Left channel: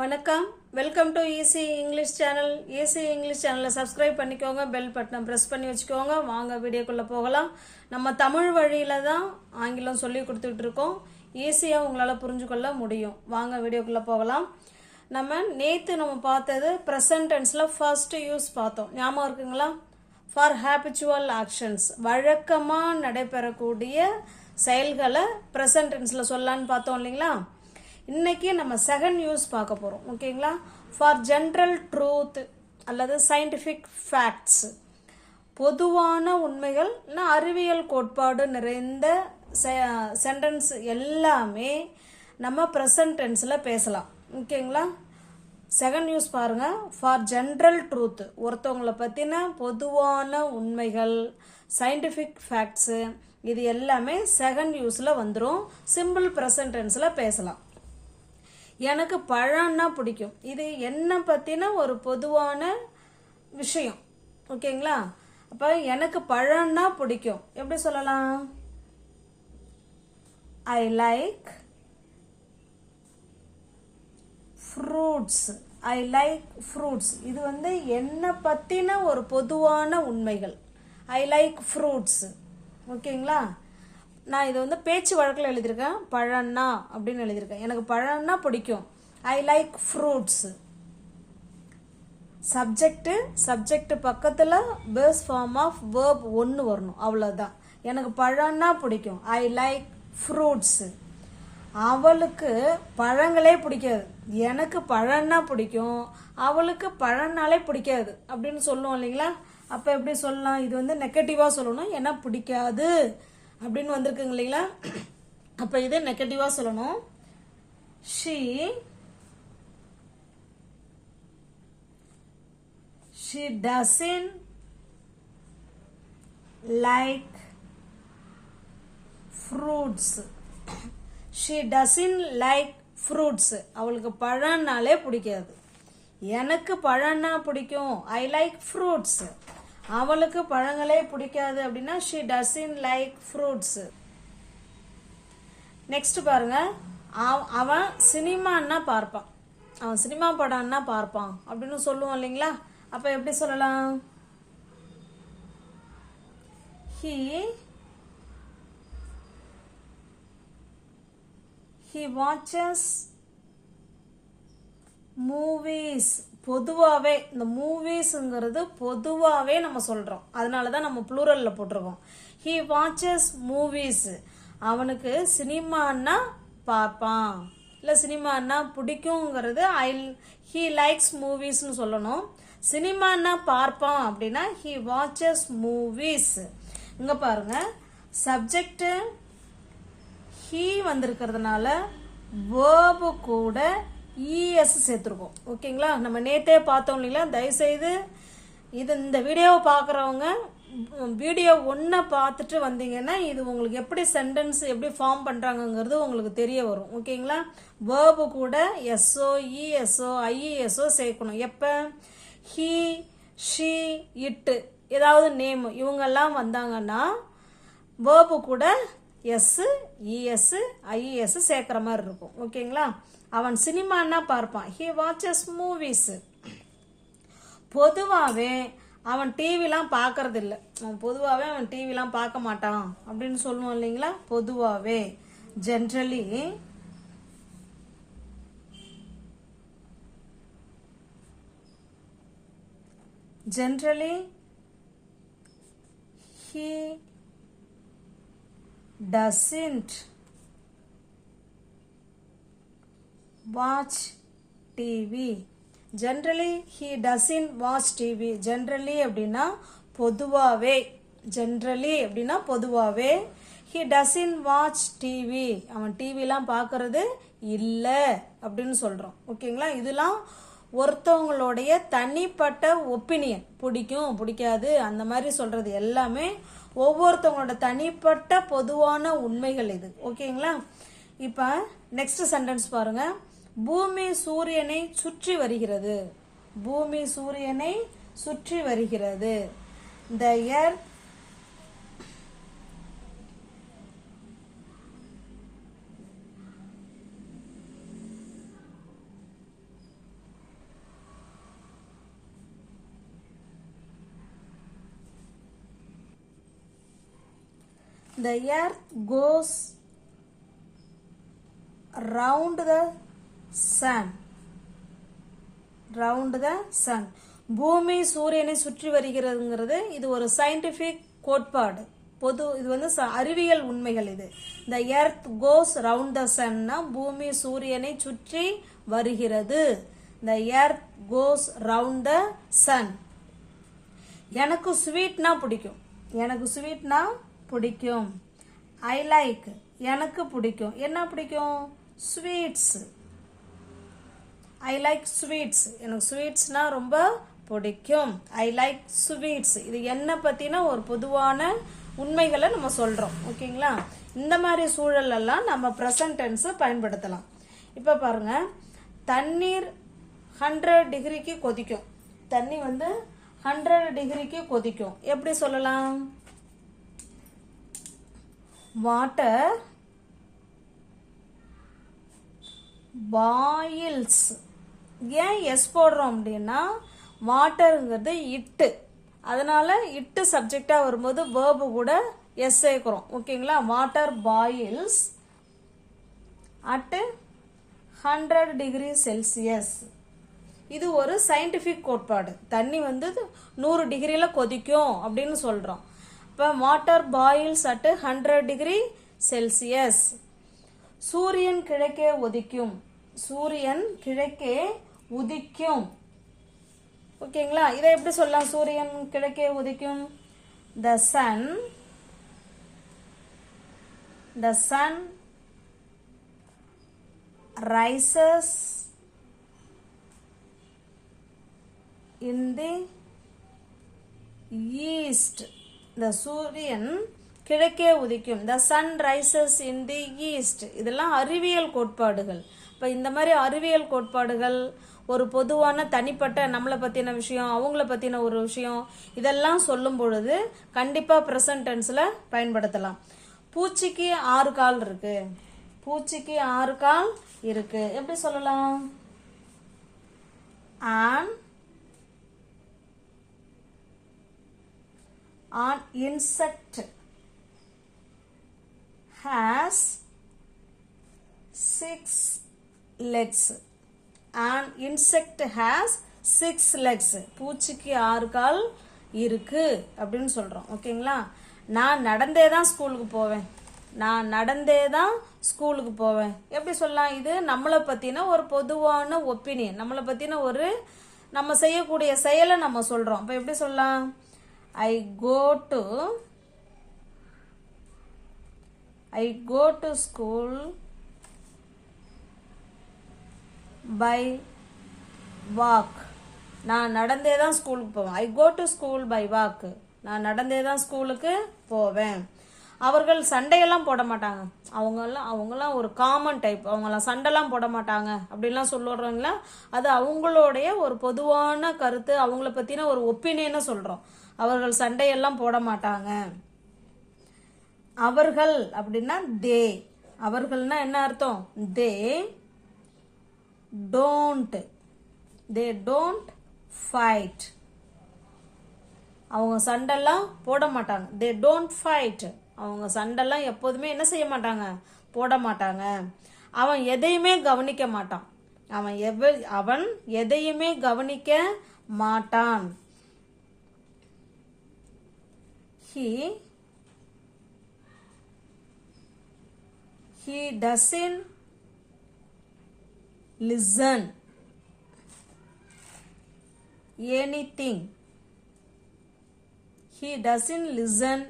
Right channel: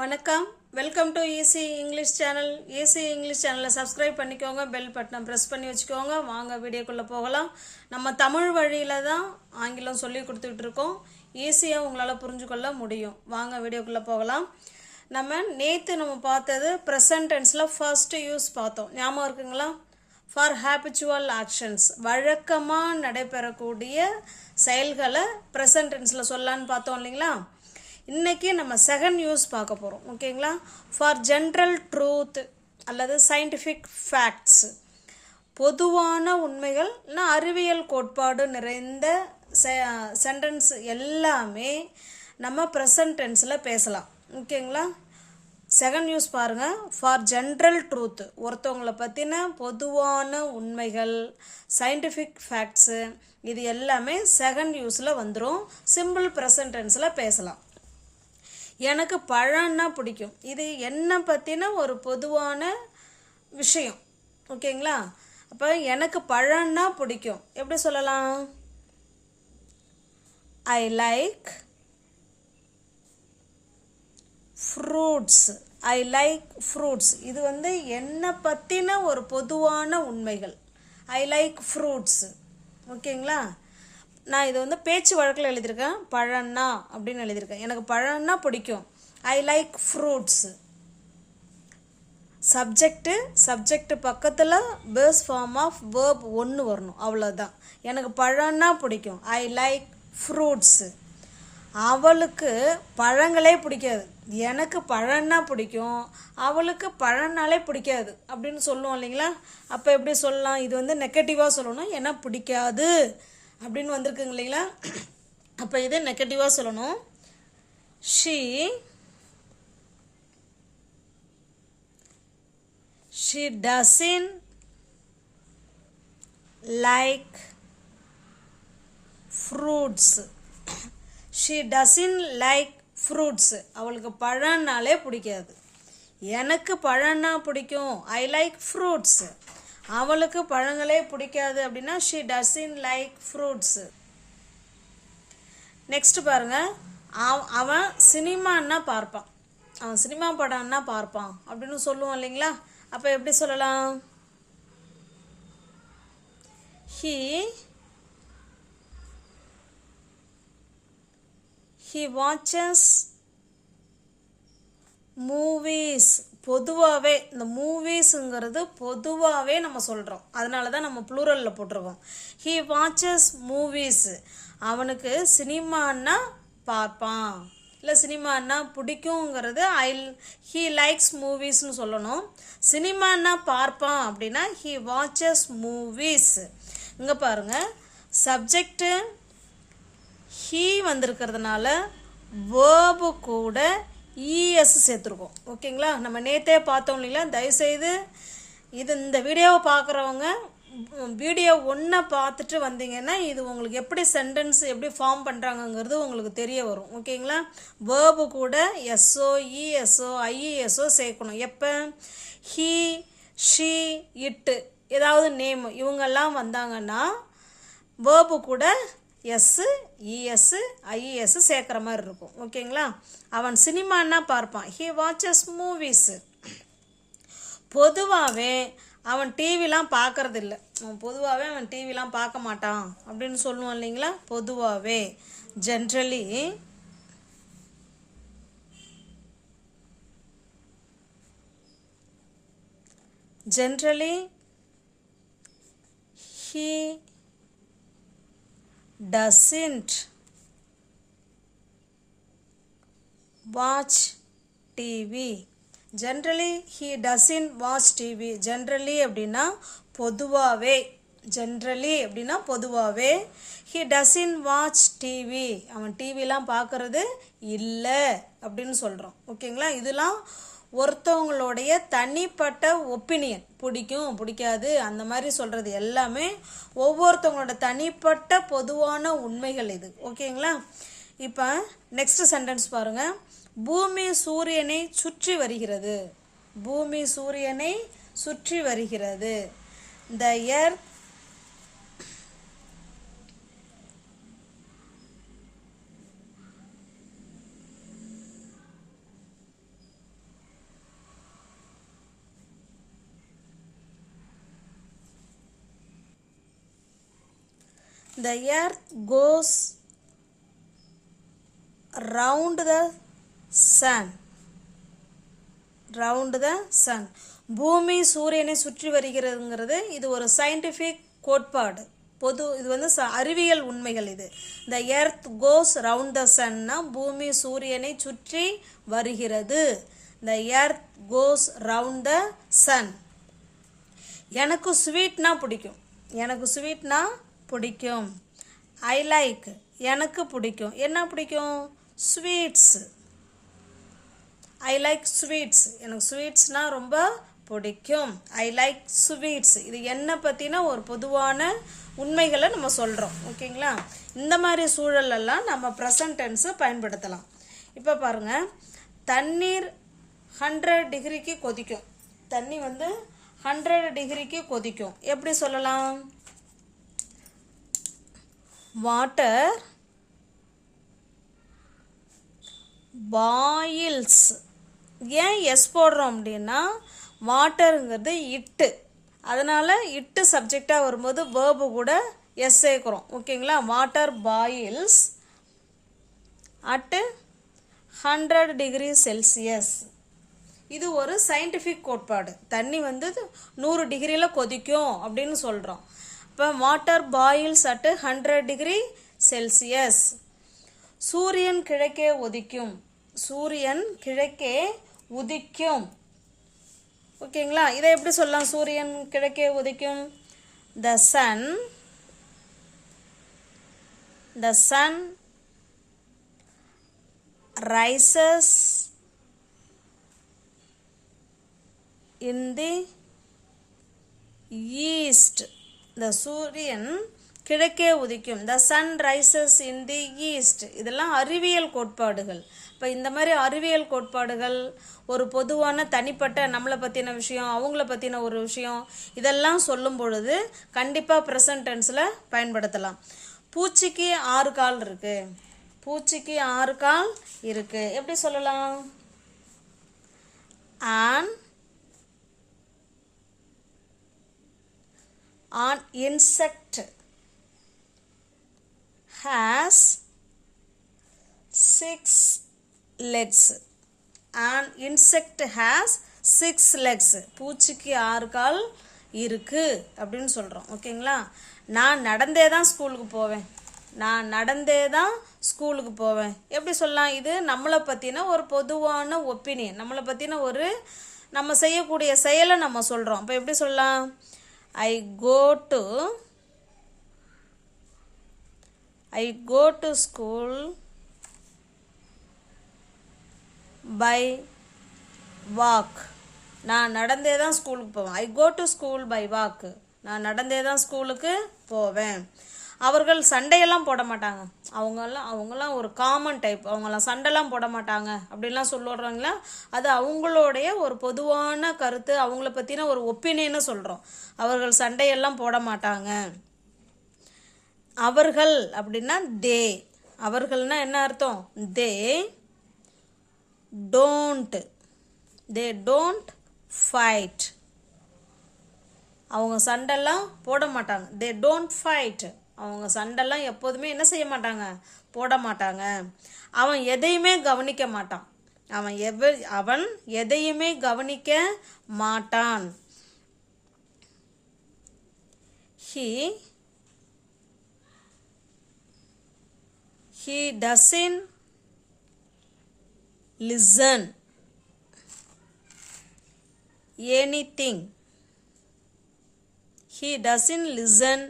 வணக்கம், welcome to easy English channel. Easy English சேனலை subscribe பண்ணிக்கோங்க, பெல் பட்டனை ப்ரெஸ் பண்ணி வச்சுக்கோங்க. வாங்க வீடியோக்குள்ளே போகலாம். நம்ம தமிழ் வழியில் தான் ஆங்கிலம் சொல்லி கொடுத்துட்ருக்கோம். ஈஸியாக உங்களால் புரிஞ்சுக்கொள்ள முடியும். வாங்க வீடியோக்குள்ளே போகலாம். நம்ம பார்த்தது ப்ரெசன்ட் டென்ஸில் ஃபர்ஸ்ட் யூஸ் பார்த்தோம். ஞாபகம் இருக்குங்களா? ஃபார் ஹேபிச்சுவல் ஆக்ஷன்ஸ், வழக்கமாக நடைபெறக்கூடிய செயல்களை ப்ரெசன்ட் டென்ஸில் சொல்லலான்னு பார்த்தோம் இல்லைங்களா? இன்றைக்கி நம்ம செகண்ட் யூஸ் பார்க்க போகிறோம். ஓகேங்களா? ஃபார் ஜென்ரல் ட்ரூத் அல்லது சயின்டிஃபிக் ஃபேக்ட்ஸ், பொதுவான உண்மைகள் இல்லைனா அறிவியல் கோட்பாடு நிறைந்த சென்டென்ஸ் எல்லாமே நம்ம ப்ரெசன்ட் டென்ஸில் பேசலாம். ஓகேங்களா? செகண்ட் யூஸ் பாருங்கள். ஃபார் ஜென்ரல் ட்ரூத், ஒருத்தவங்களை பற்றின பொதுவான உண்மைகள், சயின்டிஃபிக் ஃபேக்ட்ஸு, இது எல்லாமே செகண்ட் யூஸில் வந்துடும். சிம்பிள் ப்ரெசன்ட் டென்ஸில் பேசலாம். எனக்கு பழம்னா பிடிக்கும். இது என்னை பற்றின ஒரு பொதுவான விஷயம். ஓகேங்களா? அப்போ எனக்கு பழம்னா பிடிக்கும் எப்படி சொல்லலாம்? ஐ லைக் ஃப்ரூட்ஸ். ஐ லைக் ஃப்ரூட்ஸ். இது என்னை பற்றின ஒரு பொதுவான உண்மைகள். ஐ லைக் ஃப்ரூட்ஸ். ஓகேங்களா? நான் இது பேச்சு வழக்கில் எழுதியிருக்கேன். பழம்னா அப்படின்னு எழுதியிருக்கேன். எனக்கு பழம்னா பிடிக்கும். I like fruits. சப்ஜெக்ட் பக்கத்தில் பேஸ் ஃபார்ம் ஆஃப் வேர்ப் ஒன்று வரணும், அவ்வளோதான். எனக்கு பழம்னா பிடிக்கும். I like fruits. அவளுக்கு பழங்களே பிடிக்காது. எனக்கு பழம்னா பிடிக்கும், அவளுக்கு பழம்னாலே பிடிக்காது அப்படின்னு சொல்லுவோம் இல்லைங்களா? அப்போ எப்படி சொல்லலாம்? இது நெகட்டிவாக சொல்லணும். ஏன்னா பிடிக்காது அப்படின்னு வந்திருக்குங்க இல்லைங்களா? அப்போ இது நெகட்டிவாக சொல்லணும். she doesn't like fruits. she doesn't like fruits. அவளுக்கு பழம்னாலே பிடிக்காது. எனக்கு பழம்னா பிடிக்கும். I like fruits. அவளுக்கு பழங்களே பிடிக்காது அப்படின்னா she doesn't like fruits. Next பாருங்க. அவன் சினிமான்னா பார்ப்பான். அவன் சினிமா படம்னா பார்ப்பான் அப்படின்னு சொல்லுவோம் இல்லைங்களா? அப்போ எப்படி சொல்லலாம்? he watches movies. பொதுவாகவே இந்த மூவிஸுங்கிறது பொதுவாகவே நம்ம சொல்கிறோம். அதனால தான் நம்ம ப்ளூரலில் போட்டிருக்கோம். He watches movies. அவனுக்கு சினிமான்னா பார்ப்பான், இல்லை சினிமான்னா பிடிக்குங்கிறது ஹீ லைக்ஸ் மூவிஸ்னு சொல்லணும். சினிமான்னா பார்ப்பான் அப்படின்னா ஹீ வாட்சஸ் மூவிஸ். இங்கே பாருங்கள், சப்ஜெக்டு ஹீ வந்திருக்கிறதுனால வேர்பு கூட இஎஸ் சேர்த்துருக்கோம். ஓகேங்களா? நம்ம நேற்றே பார்த்தோம் இல்லைங்களா? தயவுசெய்து இந்த வீடியோவை பார்க்குறவங்க வீடியோ ஒன்றை பார்த்துட்டு வந்தீங்கன்னா இது உங்களுக்கு எப்படி சென்டென்ஸ் எப்படி ஃபார்ம் பண்ணுறாங்கங்கிறது உங்களுக்கு தெரிய வரும். ஓகேங்களா? வேர்பு கூட எஸ்ஓ, இஎஸ்ஓ, ஐஇஎஸ்ஓ சேர்க்கணும். எப்போ? ஹீ, ஷீ, இட்டு, ஏதாவது நேம் இவங்கெல்லாம் வந்தாங்கன்னா வேர்பு கூட எஸ்ஸு, இஎஸ்ஸு, ஐஇஎஸ்ஸு சேர்க்குற மாதிரி இருக்கும். ஓகேங்களா? அவன் சினிமான்னா பார்ப்பான். He watches movies. பொதுவாகவே அவன் டிவிலாம் பார்க்கறதில்ல. அவன் டிவிலாம் பார்க்க மாட்டான் அப்படின்னு சொல்லுவான் இல்லைங்களா? பொதுவாகவே generally he doesn't watch TV. Generally he doesn't watch TV. Generally அப்படின்னா பொதுவாகவே. he doesn't watch TV. அவன் டிவிலாம் பார்க்கறது இல்லை அப்படின்னு சொல்கிறோம். ஓகேங்களா? இதெல்லாம் ஒருத்தவங்களுடைய தனிப்பட்ட ஒப்பீனியன். பிடிக்கும் பிடிக்காது அந்த மாதிரி சொல்கிறது எல்லாமே ஒவ்வொருத்தவங்களோட தனிப்பட்ட பொதுவான உண்மைகள் இது. ஓகேங்களா? இப்போ நெக்ஸ்ட் சென்டென்ஸ் பாருங்கள். பூமி சூரியனை சுற்றி வருகிறது. பூமி சூரியனை சுற்றி வருகிறது. The earth the earth goes round the sun. round the sun. பூமி சூரியனை சுற்றி வருகிறதுங்கிறது இது ஒரு சயின்டிஃபிக் கோட்பாடு. இது வந்து அறிவியல் உண்மைகள். இது the earth goes round the sun பூமி சூரியனை சுற்றி வருகிறது. the earth goes round the sun. எனக்கு ஸ்வீட்னா பிடிக்கும். எனக்கு ஸ்வீட்னா பிடிக்கும். I like எனக்கு பிடிக்கும். என்ன பிடிக்கும்? ஸ்வீட்ஸ். I like sweets. எனக்கு ஸ்வீட்ஸ்னா ரொம்ப பிடிக்கும். I like sweets. இது என்ன பற்றின ஒரு பொதுவான உண்மைகளை நம்ம சொல்கிறோம். ஓகேங்களா? இந்த மாதிரி சூழலெல்லாம் நம்ம ப்ரெசன்ட் டென்ஸை பயன்படுத்தலாம். இப்போ பாருங்கள், தண்ணீர் 100 டிகிரிக்கு கொதிக்கும். தண்ணி வந்து 100 டிகிரிக்கு கொதிக்கும். எப்படி சொல்லலாம்? Water boils. ஏன் எஸ் போடுறோம் அப்படின்னா வாட்டருங்கிறது இட்டு, அதனால் இட்டு சப்ஜெக்டாக வரும்போது வேர்பு கூட எஸ் சேர்க்குறோம். ஓகேங்களா? Water boils at 100 degree Celsius. இது ஒரு சயின்டிஃபிக் கோட்பாடு. தண்ணி வந்து 100 டிகிரியில் கொதிக்கும் அப்படின்னு சொல்கிறோம். இப்போ water boils at 100 degree Celsius. சூரியன் கிழக்கே உதிக்கும். சூரியன் கிழக்கே உதிக்கும். ஓகேங்களா? இதை எப்படி சொல்லலாம்? சூரியன் கிழக்கே உதிக்கும். the sun rises in the east. the சூரியன் கிழக்கே உதிக்கும். the sun rises in the east. இதெல்லாம் அறிவியல் கோட்பாடுகள். இப்போ இந்த மாதிரி அறிவியல் கோட்பாடுகள் ஒரு பொதுவான தனிப்பட்ட நம்மளை பற்றின விஷயம், அவங்கள பற்றின ஒரு விஷயம், இதெல்லாம் சொல்லும் பொழுது கண்டிப்பாக ப்ரெசன்ட் டென்ஸில் பயன்படுத்தலாம். பூச்சிக்கு 6 கால் இருக்கு. பூச்சிக்கு 6 கால் இருக்கு. எப்படி சொல்லலாம்? an insect has 6 legs. an insect has 6 legs. பூச்சிக்கு 6 கால் இருக்கு அப்படின்னு சொல்கிறோம். ஓகேங்களா? நான் நடந்தே தான் ஸ்கூலுக்கு போவேன். நான் நடந்தே தான் ஸ்கூலுக்கு போவேன். எப்படி சொல்லலாம்? இது நம்மளை பற்றின ஒரு பொதுவான ஒப்பீனியன், நம்மளை பற்றின ஒரு நம்ம செய்யக்கூடிய செயலை நம்ம சொல்கிறோம். இப்போ எப்படி சொல்லலாம்? I go to school by walk. நான் நடந்தே தான் ஸ்கூலுக்கு போவேன். I go to school by walk. நான் நடந்தே தான் ஸ்கூலுக்கு போவேன். அவர்கள் சண்டையெல்லாம் போட மாட்டாங்க. அவங்கெல்லாம் ஒரு காமன் டைப். அவங்களாம் சண்டைலாம் போட மாட்டாங்க அப்படின்லாம் சொல்லுறவங்களா, அது அவங்களுடைய ஒரு பொதுவான கருத்து, அவங்கள பற்றின ஒரு ஒப்பீனியனை சொல்கிறோம். அவர்கள் சண்டையெல்லாம் போட மாட்டாங்க. அவர்கள் அப்படின்னா தே. அவர்கள்னா என்ன அர்த்தம்? தே டோன்ட் ஃபைட். அவங்க சண்டைலாம் போட மாட்டாங்க. They don't fight. அவங்க சண்டைலாம் எப்போதுமே என்ன செய்ய மாட்டாங்க? போட மாட்டாங்க. அவன் எதையுமே கவனிக்க மாட்டான். அவன் எதையுமே கவனிக்க மாட்டான். He doesn't listen anything. He doesn't listen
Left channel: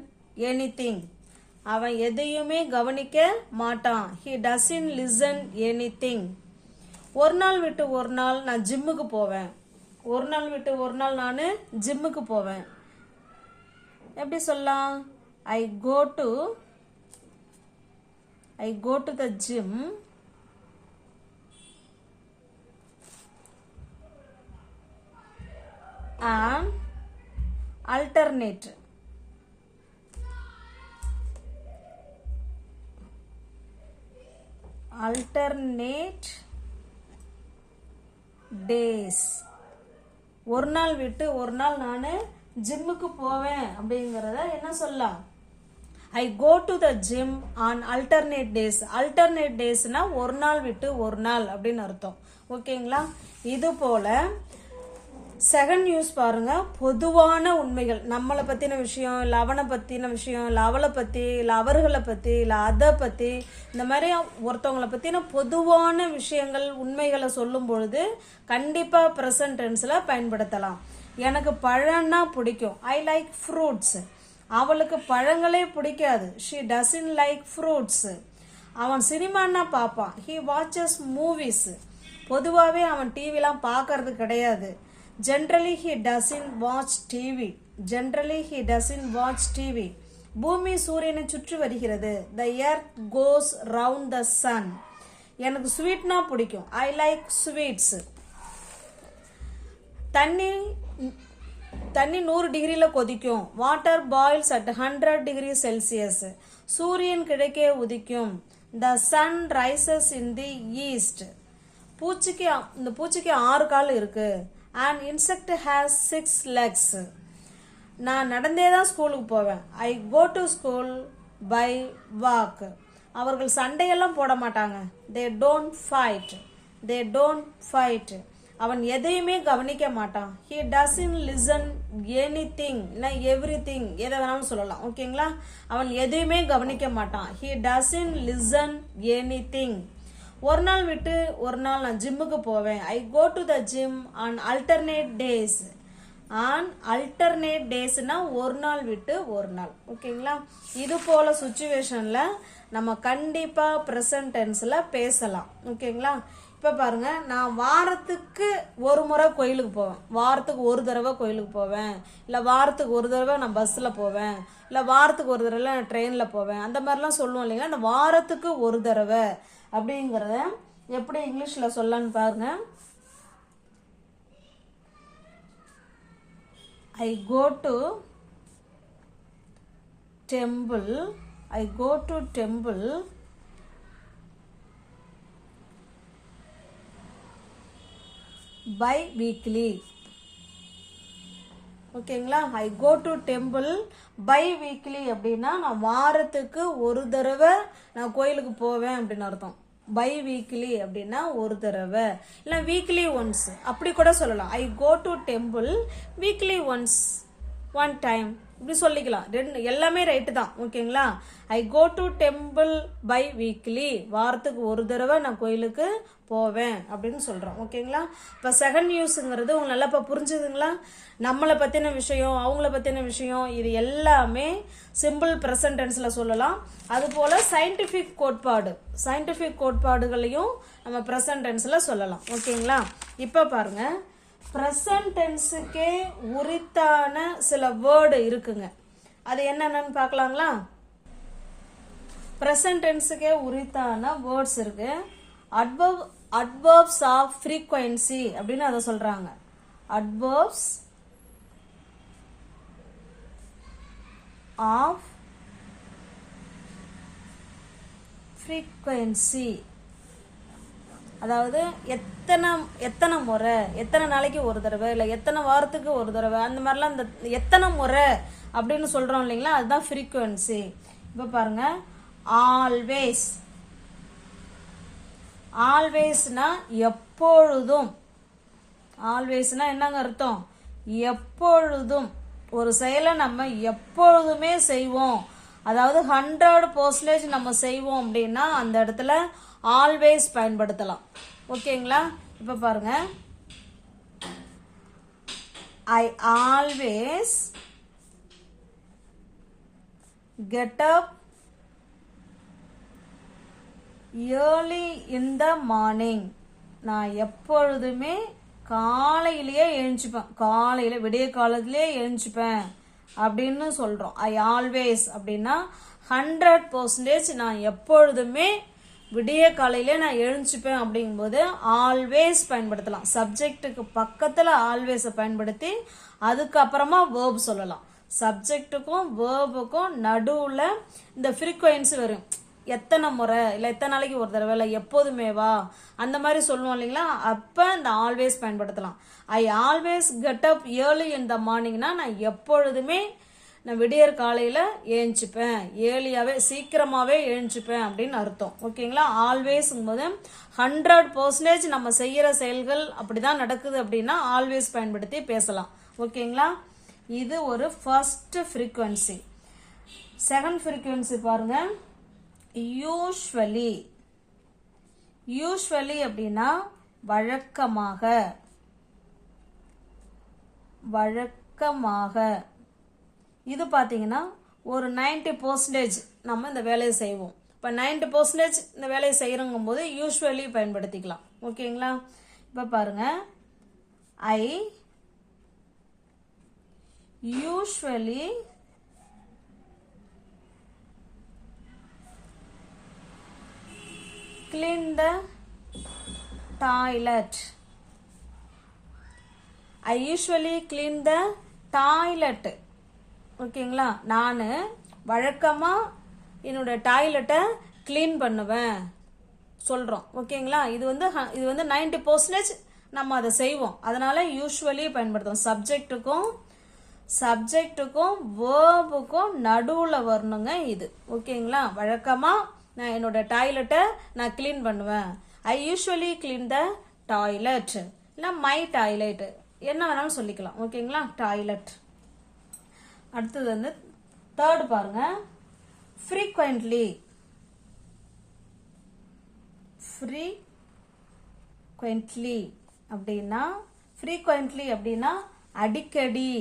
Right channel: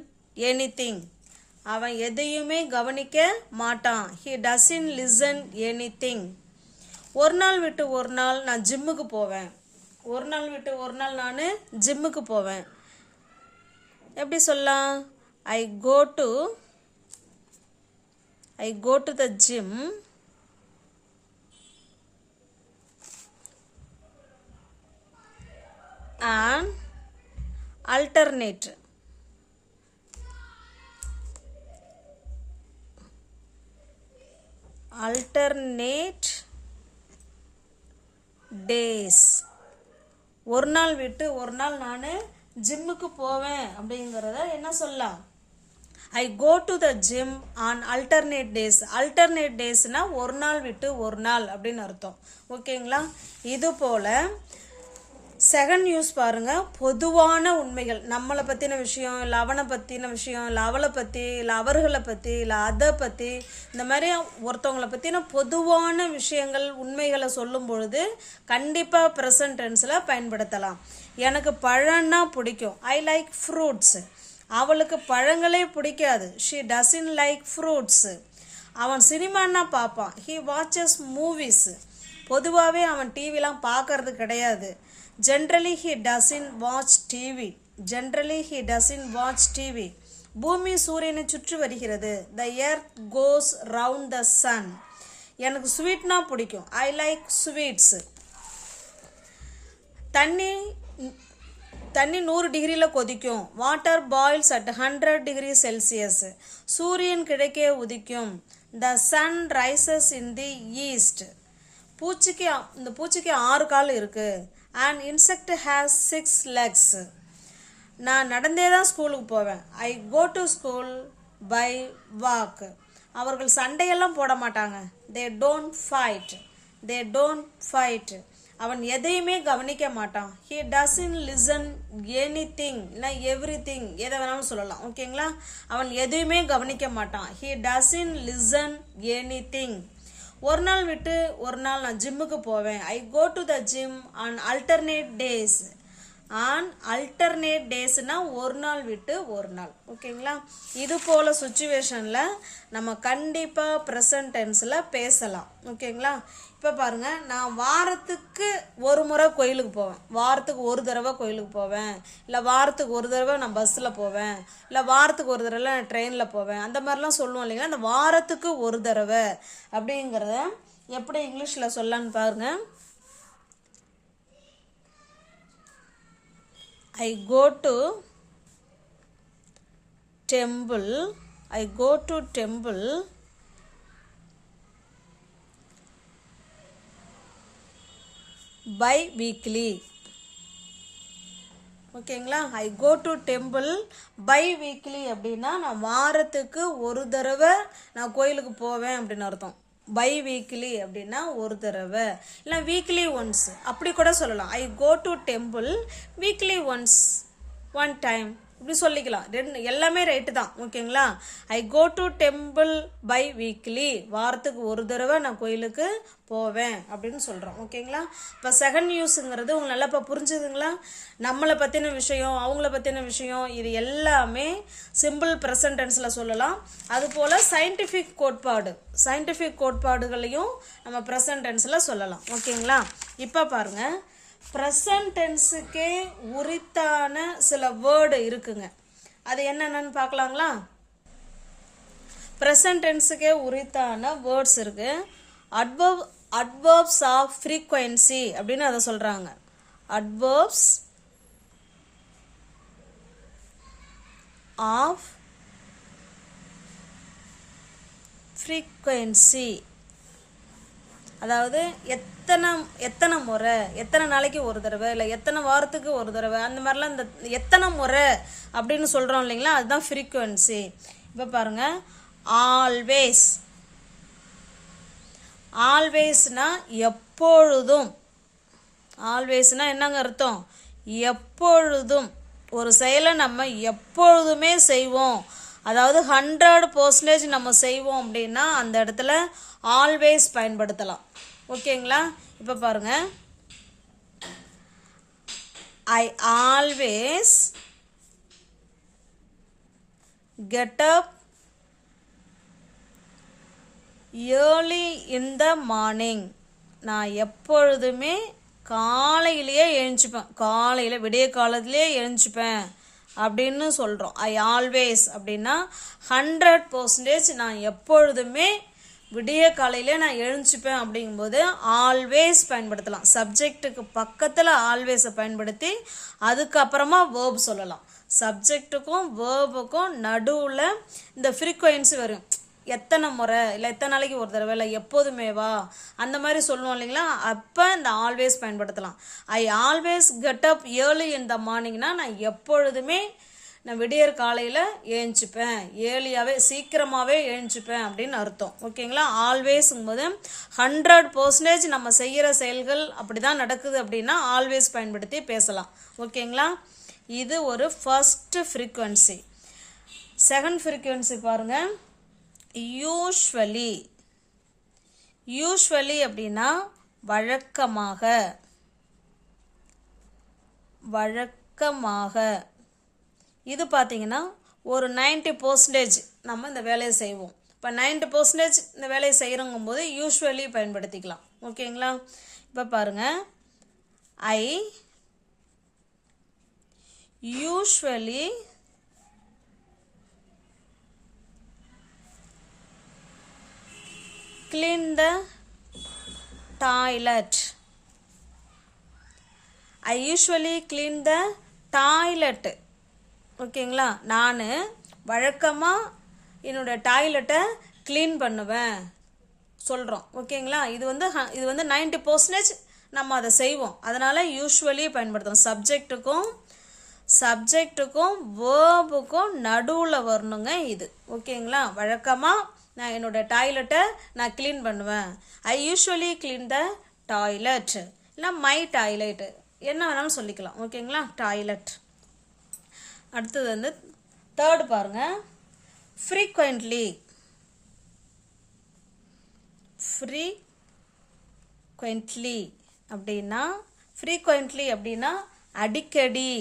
anything. அவன் எதையுமே கவனிக்க மாட்டான். He doesn't listen anything. ஒரு நாள் விட்டு ஒரு நாள் நான் ஜிம்முக்கு போவேன். ஒரு நாள் விட்டு ஒரு நாள் நான் ஜிம்முக்கு போவேன். எப்படி சொல்லலாம்? I go to the gym and alternate days. ஒரு நாள் விட்டு ஒரு நாள் நான் ஜிம்முக்கு போவேன் அப்படிங்கிறத என்ன சொல்லலாம்? I go to the gym on alternate days. Alternate டேஸ்னால் ஒரு நாள் விட்டு ஒரு நாள் அப்படின்னு அர்த்தம். ஓகேங்களா? இது போல் செகண்ட் நியூஸ் பாருங்கள். பொதுவான உண்மைகள், நம்மளை பற்றின விஷயம், இல்லை அவனை பற்றின விஷயம், இல்லை அவளை பற்றி, இல்லை அவர்களை பற்றி, இல்லை அதை பற்றி, இந்த மாதிரி ஒருத்தவங்களை பற்றின பொதுவான விஷயங்கள் உண்மைகளை சொல்லும் பொழுது கண்டிப்பாக ப்ரெசன்ட் டென்ஸில் பயன்படுத்தலாம். எனக்கு பழம்னா பிடிக்கும். I like fruits. அவளுக்கு பழங்களே பிடிக்காது. She doesn't like fruits. அவன் சினிமான்னா பார்ப்பான். He watches movies. பொதுவாகவே அவன் டிவிலாம் பார்க்கறது கிடையாது. Generally he doesn't watch TV. Generally he doesn't watch TV. பூமி சூரியனை சுற்றி வருகிறது. The earth goes round the sun. எனக்கு ஸ்வீட்னா பிடிக்கும். I like sweets. தண்ணி 100 டிகிரியில் கொதிக்கும். Water boils at 100 degree Celsius. சூரியன் கிழக்கே உதிக்கும். The sun rises in the east. இந்த பூச்சிக்கு 6 கால் இருக்கு. And insect has 6 legs. நான் நடந்தே தான் ஸ்கூலுக்கு போவேன். I go to school by walk. அவர்கள் சண்டையெல்லாம் போட மாட்டாங்க. They don't fight. They don't fight. அவன் எதையுமே கவனிக்க மாட்டான். He doesn't listen anything. இல்லை எவ்ரிதிங், எதை வேணாலும் சொல்லலாம். ஓகேங்களா? அவன் எதையுமே கவனிக்க மாட்டான். He doesn't listen anything. ஒரு நாள் விட்டு ஒரு நாள் நான் ஜிம்முக்கு போவேன். I go to the gym on alternate days. On alternate டேஸ்னால் ஒரு நாள் விட்டு ஒரு நாள். ஓகேங்களா? இது போல் சுச்சுவேஷனில் நம்ம கண்டிப்பாக ப்ரெசன்ட் டென்ஸில் பேசலாம். ஓகேங்களா? இப்போ பாருங்கள், நான் வாரத்துக்கு ஒரு முறை கோயிலுக்கு போவேன். வாரத்துக்கு ஒரு தடவை கோயிலுக்கு போவேன். இல்லை வாரத்துக்கு ஒரு தடவை நான் பஸ்ஸில் போவேன். இல்லை வாரத்துக்கு ஒரு தடவை நான் ட்ரெயினில் போவேன். அந்த மாதிரிலாம் சொல்லுவோம் இல்லைங்களா? அந்த வாரத்துக்கு ஒரு தடவை அப்படிங்கிறத எப்படி இங்கிலீஷில் சொல்லலான்னு பாருங்கள். I go to temple. I go to temple bi-weekly. ஓகேங்களா? I go to temple biweekly அப்படின்னா நான் வாரத்துக்கு ஒரு தடவை நான் கோயிலுக்கு போவேன் அப்படின்னு அர்த்தம். பை வீக்லி அப்படின்னா ஒரு தடவை, இல்லை வீக்லி ஒன்ஸ் அப்படி கூட சொல்லலாம். I go to temple weekly once, one time இப்படி சொல்லிக்கலாம். எல்லாமே ரைட்டு தான். ஓகேங்களா? I go to temple biweekly, வாரத்துக்கு ஒரு தடவை நான் கோயிலுக்கு போவேன் அப்படின்னு சொல்கிறோம். ஓகேங்களா? இப்போ செகண்ட் நியூஸுங்கிறது உங்களுக்கு நல்லா இப்போ புரிஞ்சுதுங்களா? நம்மளை பற்றின விஷயம், அவங்கள பற்றின விஷயம், இது எல்லாமே சிம்பிள் ப்ரெசன்ட் டென்ஸில் சொல்லலாம். அதுபோல் சயின்டிஃபிக் கோட்பாடுகளையும் நம்ம ப்ரெசன்ட் டென்ஸில் சொல்லலாம். ஓகேங்களா? இப்போ பாருங்கள், ப்ரெசன்ட் டென்ஸுக்கே உரித்தான சில வேர்டு இருக்குங்க. அது என்னென்னு பார்க்கலாங்களா? ப்ரெசன்ட் டென்ஸுக்கே உரித்தான வேர்ட்ஸ் இருக்கு. அட்வர்ப்ஸ் ஆஃப் ஃப்ரீக்வன்சி அப்படின்னு அதை சொல்றாங்க. அட்வர்ப்ஸ் ஆஃப் ஃப்ரீக்வன்சி, அதாவது எத்தனை முறை, எத்தனை நாளைக்கு ஒரு தடவை, இல்லை எத்தனை வாரத்துக்கு ஒரு தடவை, அந்த மாதிரிலாம் இந்த எத்தனை முறை அப்படின்னு சொல்கிறோம் இல்லைங்களா? அதுதான் ஃப்ரீக்வன்சி. இப்போ பாருங்கள், ஆல்வேஸ். ஆல்வேஸ்னா எப்பொழுதும். ஆல்வேஸ்னா என்னங்க அர்த்தம்? எப்பொழுதும். ஒரு செயலை நம்ம எப்பொழுதுமே செய்வோம், அதாவது 100% நம்ம செய்வோம் அப்படின்னா அந்த இடத்துல ஆல்வேஸ் பயன்படுத்தலாம். ஓகேங்களா? இப்போ பாருங்க, ஐ always get up early in the morning. நான் எப்பொழுதுமே காலையிலேயே எழுந்துப்பேன். காலையில் விடிய காலத்திலே எழுந்துப்பேன் அப்படின்னு சொல்கிறோம். ஐ ஆல்வேஸ் அப்படின்னா 100% நான் எப்பொழுதுமே விடிய காலையிலே நான் எழுந்துப்பேன் அப்படிங்கும்போது ஆல்வேஸ் பயன்படுத்தலாம். சப்ஜெக்டுக்கு பக்கத்தில் ஆல்வேஸை பயன்படுத்தி அதுக்கப்புறமா வேர்ப் சொல்லலாம். சப்ஜெக்டுக்கும் வேர்புக்கும் நடுவில் இந்த ஃப்ரீக்வன்சி வரும். எத்தனை முறை, இல்லை எத்தனை நாளைக்கு ஒரு தடவை, இல்லை எப்போதுமேவா, அந்த மாதிரி சொல்லணும் இல்லைங்களா? அப்போ இந்த ஆல்வேஸ் பயன்படுத்தலாம். I always get up early in the மார்னிங்னா நான் எப்பொழுதுமே நான் விடியற் காலையில் ஏஞ்சிப்பேன், ஏர்லியாகவே சீக்கிரமாகவே ஏஞ்சிப்பேன் அப்படின்னு அர்த்தம். ஓகேங்களா? ஆல்வேஸுங்கும் போது 100% நம்ம செய்கிற செயல்கள் அப்படி தான் நடக்குது அப்படின்னா ஆல்வேஸ் பயன்படுத்தி பேசலாம். ஓகேங்களா? இது ஒரு ஃபர்ஸ்ட் ஃப்ரீக்வன்சி. செகண்ட் ஃப்ரீக்வன்சி பாருங்கள், யூஸ்வலி. யூஸ்வலி அப்படின்னா வழக்கமாக, வழக்கமாக. இது பார்த்தீங்கன்னா ஒரு 90% நம்ம இந்த வேலையை செய்வோம். இப்போ 90% இந்த வேலையை செய்கிறோங்கும் போது யூஸ்வலி பயன்படுத்திக்கலாம். ஓகேங்களா? இப்போ பாருங்கள், ஐ usually clean the toilet. I usually clean the toilet. ஓகேங்களா? நான் வழக்கமாக என்னோட டாய்லெட்டை க்ளீன் பண்ணுவேன் சொல்கிறோம். ஓகேங்களா? இது வந்து 90% நம்ம அதை செய்வோம். அதனால் யூஸ்வலி பயன்படுத்துவோம். சப்ஜெக்ட்டுக்கும் வேர்புக்கும் நடுவில் வரணுங்க இது. ஓகேங்களா? வழக்கமாக நான் என்னோட டாய்லெட்டை நான் க்ளீன் பண்ணுவேன். ஐ யூஸ்வலி க்ளீன் த டாய்லெட், இல்லை மை டாய்லெட், என்ன வேணாலும் சொல்லிக்கலாம். ஓகேங்களா? டாய்லெட். அடுத்தது வந்து தேர்டு பாருங்க, ஃப்ரீக்வெண்ட்லி. ஃப்ரீக்வெண்ட்லி அப்படின்னா அடிக்கடி.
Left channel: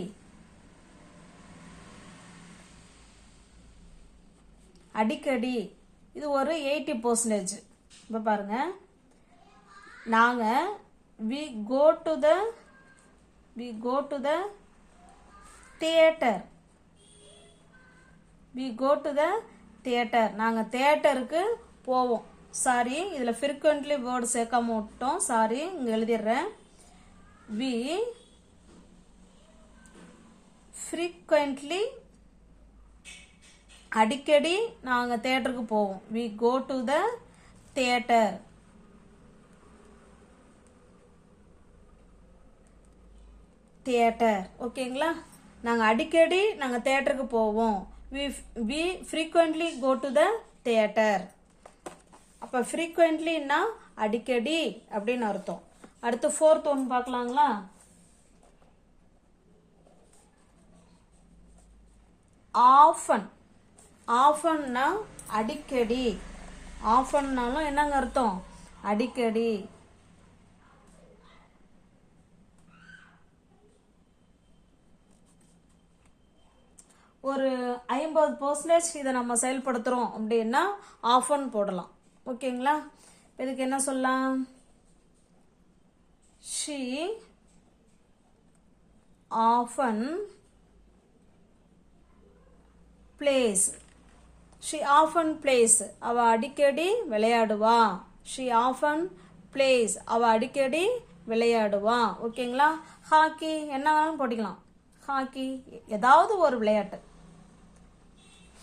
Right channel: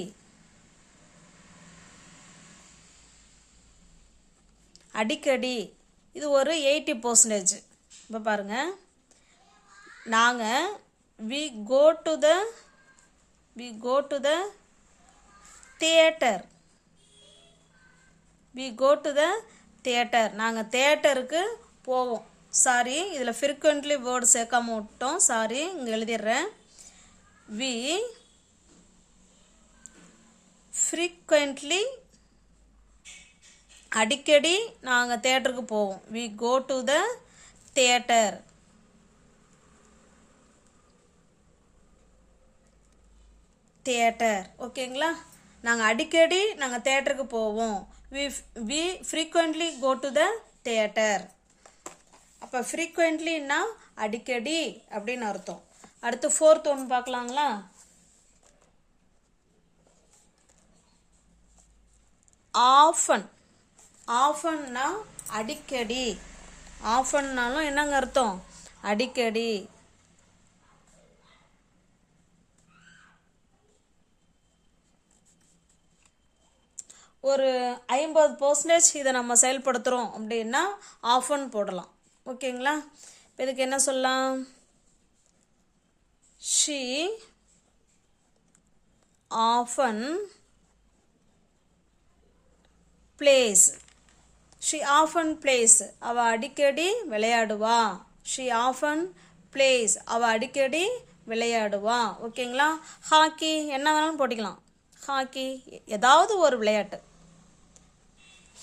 அடிக்கடி இது ஒரு 80%. இப்போ பாருங்கள், நாங்கள் we go to the theater. நாங்கள் தியேட்டருக்கு போவோம். சாரி, இதில் ஃப்ரீக்வெண்ட்லி வேர்டு சேர்க்காம விட்டோம். சாரி, இங்கே எழுதிடுறேன். we frequently, அடிக்கடி நாங்கள் தியேட்டருக்கு போவோம். we go to the theater. ஓகேங்களா? நாங்கள் அடிக்கடி நாங்கள் தியேட்டருக்கு போவோம். we frequently go to the theater. அப்போ ஃப்ரீக்வெண்ட்லின்னா அடிக்கடி அப்படின்னு அர்த்தம். அடுத்து ஃபோர்த் ஒன்று பார்க்கலாங்களா? ஆஃபன்னா அடிக்கடி. ஆஃபன்னாலும் என்னங்க அர்த்தம்? அடிக்கடி. ஒரு 50% இதை நம்ம செயல்படுத்துகிறோம் அப்படின்னா ஆஃபன் போடலாம். ஓகேங்களா? இப்போ இதுக்கு என்ன சொல்லலாம்? she often plays. அவ அடிக்கடி விளையாடுவா. she often plays. அவ அடிக்கடி விளையாடுவா. ஓகேங்களா? ஹாக்கி என்ன வேணாலும் போட்டிக்கலாம். ஹாக்கி ஏதாவது ஒரு விளையாட்டு.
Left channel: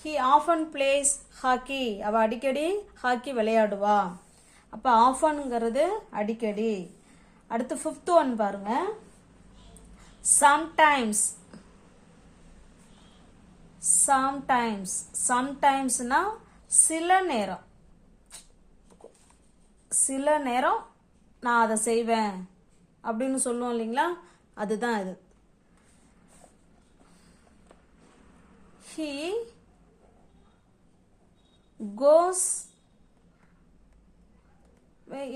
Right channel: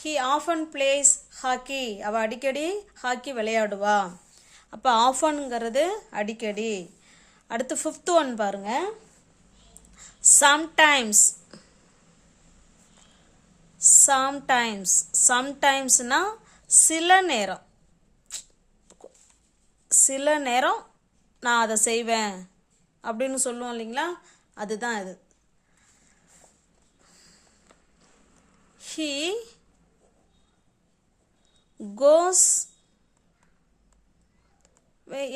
he often plays hockey. அவ அடிக்கடி ஹாக்கி விளையாடுவா. அப்போ ஆஃபன்ங்கிறது அடிக்கடி. அடுத்து ஃபிஃப்த் ஒன் பாருங்க, சம்டைம்ஸ்னா சில நேரம் நான் அதை செய்வேன் அப்படின்னு சொல்லுவோம் இல்லைங்களா? அதுதான் இது. he goes,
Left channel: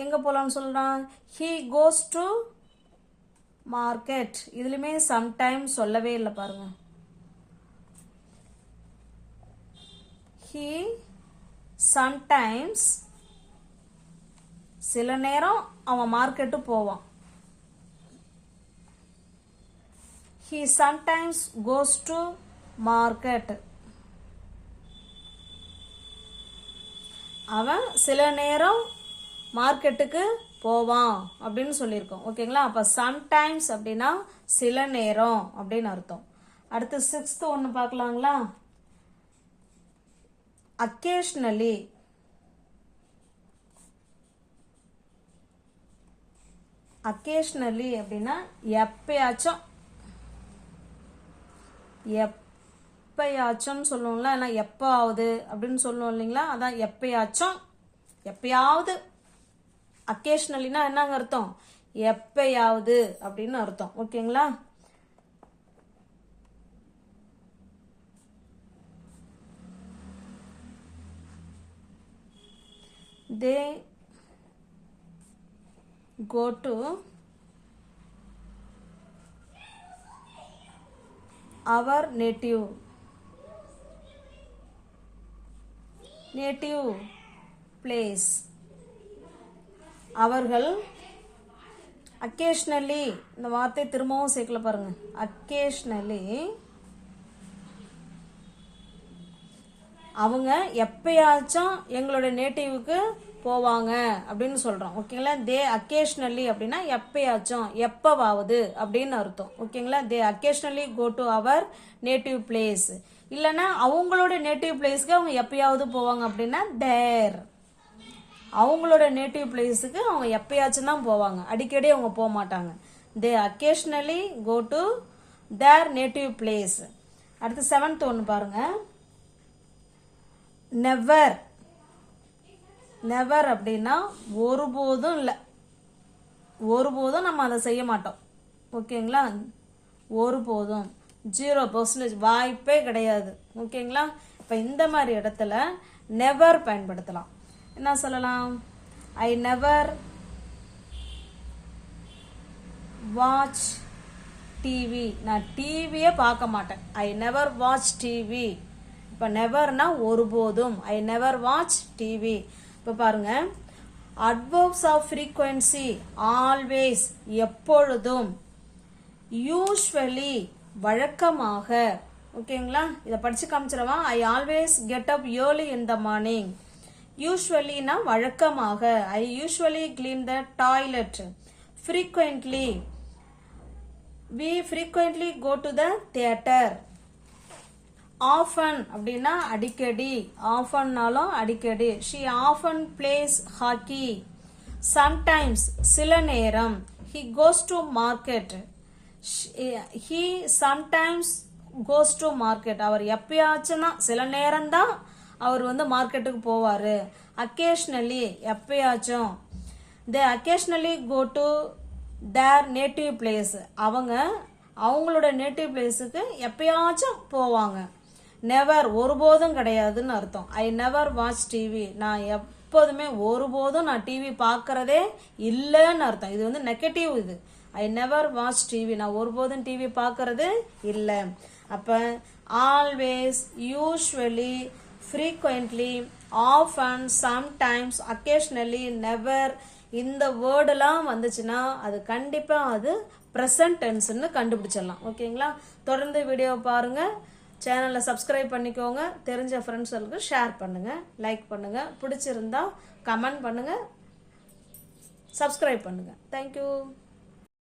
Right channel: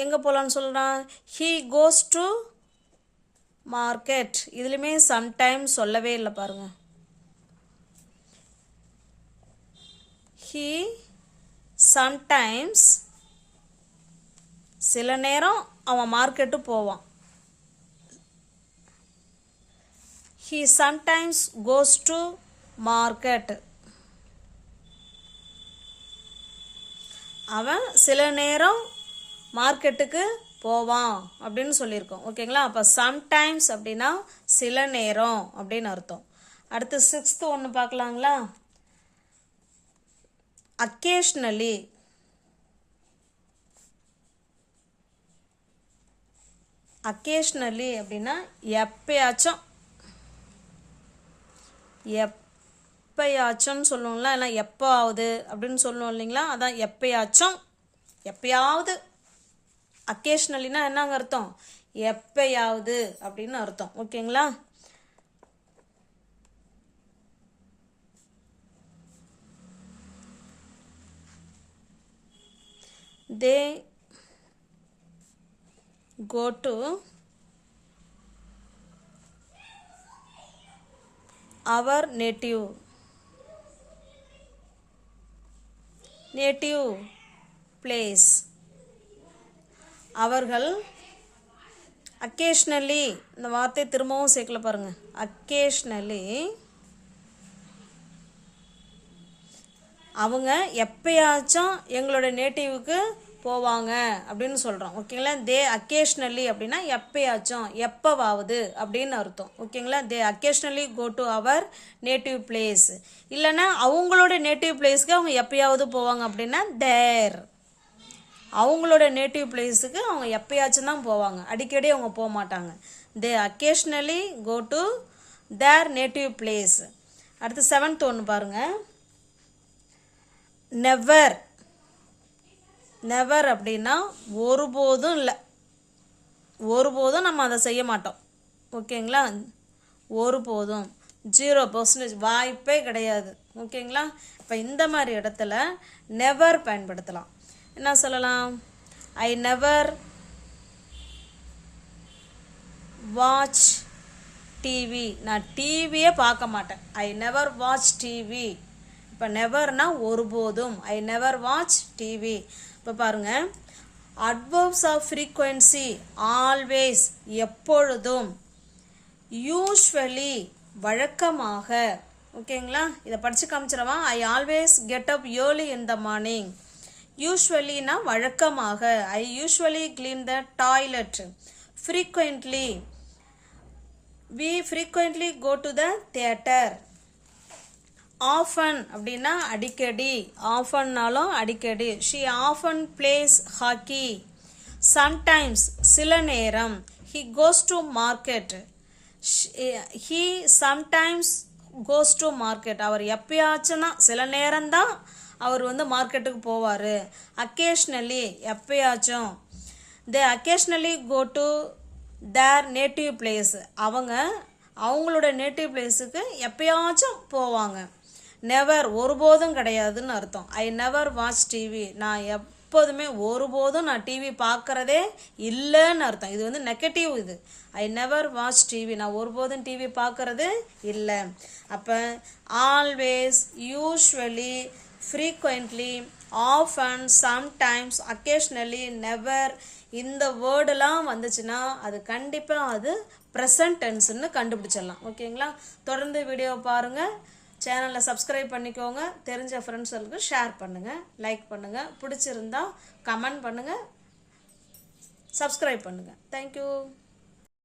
எங்கே போகலான்னு சொல்கிறான்? he goes to market. இதுலையுமே சம்டைம்ஸ் சொல்லவே இல்லை பாருங்க. he sometimes, சில நேரம் அவன் மார்க்கெட்டு போவான். he sometimes goes to market. அவன் சில நேரம் மார்க்கெட்டுக்கு போவான் அப்படின்னு சொல்லியிருக்கோம். ஓகேங்களா? அப்போ சம்டைம்ஸ் அப்படின்னா சில நேரம் அப்படின்னு அர்த்தம். அடுத்து சிக்ஸ்த் ஒன்று பார்க்கலாங்களா? அக்கேஷ்னலி. அப்படின்னா எப்பயாச்சும் எப்பயாச்சும்னு சொல்லுவோம்ல, இல்லை எப்போவாவது அப்படின்னு சொல்லுவோம் இல்லைங்களா, அதான் எப்பயாச்சும், எப்பயாவது. அக்கேஷ்னலினா என்னங்க அர்த்தம்? எப்பயாவது அப்படின்னு அர்த்தம். ஓகேங்களா? they go to our native place. அவர்கள் occasionally, இந்த வார்த்தை திரும்பவும் சேர்க்கல பாருங்க, occasionally அவங்க எப்பயாச்சும் எங்களோட நேட்டிவ்க்கு போவாங்க அப்படின்னு சொல்கிறோம். ஓகேங்களா? தே அக்கேஷ்னலி அப்படின்னா எப்பயாச்சும், எப்போவாவது அப்படின்னு அர்த்தம். ஓகேங்களா? They occasionally go to our native place. இல்லைன்னா அவங்களோட நேட்டிவ் பிளேஸ்க்கு அவங்க எப்பயாவது போவாங்க அப்படின்னா தேர். அவங்களோட நேட்டிவ் பிளேஸுக்கு அவங்க எப்பயாச்சும் தான் போவாங்க, அடிக்கடி அவங்க போக மாட்டாங்க. They occasionally go to their native place. அடுத்து 7th ஒன்று பாருங்கள். நெவர். நெவர் அப்படின்னா ஒருபோதும் இல்லை, ஒருபோதும் நம்ம அதை செய்ய மாட்டோம். ஓகேங்களா? ஒருபோதும், 0% வாய்ப்பே கிடையாது. ஓகேங்களா? இப்போ இந்த மாதிரி இடத்துல நெவர் பயன்படுத்தலாம். என்ன சொல்லலாம்? I never watch TV. நான் டிவியே பார்க்க மாட்டேன். I never watch TV. இப்போ நெவர்னா ஒருபோதும். I never watch TV. இப்போ பாருங்க, அட்வர்ப்ஸ் ஆஃப் ஃப்ரீக்வன்சி ஆல்வேஸ் எப்பொழுதும், யூஸ்வலி வழக்கமாக. ஓகேங்களா? இதை படித்து காமிச்சிடவா? ஐ always get up early in the morning. யூஸ்வலினா வழக்கமாக. ஐ usually clean the toilet. Frequently, we frequently go to the theater. Often அப்படின்னா அடிக்கடி. ஆஃபன்னாலும் அடிக்கடி. She often place hockey. Sometimes சில நேரம். He goes to market. He sometimes goes to market. அவர் எப்பயாச்சும் தான், சில நேரம்தான் அவர் வந்து மார்க்கெட்டுக்கு போவார். அக்கேஷ்னலி எப்பயாச்சும். They occasionally go to their native place. அவங்க அவங்களோட நேட்டிவ் பிளேஸுக்கு எப்பயாச்சும் போவாங்க. நெவர் ஒருபோதும் கிடையாதுன்னு அர்த்தம். I never watch TV. நான் எப்போதுமே ஒருபோதும் நான் டிவி பார்க்குறதே இல்லைன்னு அர்த்தம். இது வந்து நெகட்டிவ். இது ஐ நெவர் வாட்ச் டிவி, நான் ஒருபோதும் டிவி பார்க்குறது இல்லை. அப்போ always, usually, frequently, often, sometimes, occasionally, never, இந்த வேர்டெல்லாம் வந்துச்சுன்னா அது கண்டிப்பாக அது ப்ரெசன்ட் டென்ஸ்ன்னு கண்டுபிடிச்சிடலாம். ஓகேங்களா? தொடர்ந்து வீடியோவை பாருங்கள். சேனலை சப்ஸ்கிரைப் பண்ணிக்கோங்க. தெரிஞ்ச ஃப்ரெண்ட்ஸ்களுக்கு ஷேர் பண்ணுங்கள், லைக் பண்ணுங்கள். பிடிச்சிருந்தா கமெண்ட் பண்ணுங்கள், சப்ஸ்கிரைப் பண்ணுங்கள். தேங்க்யூ.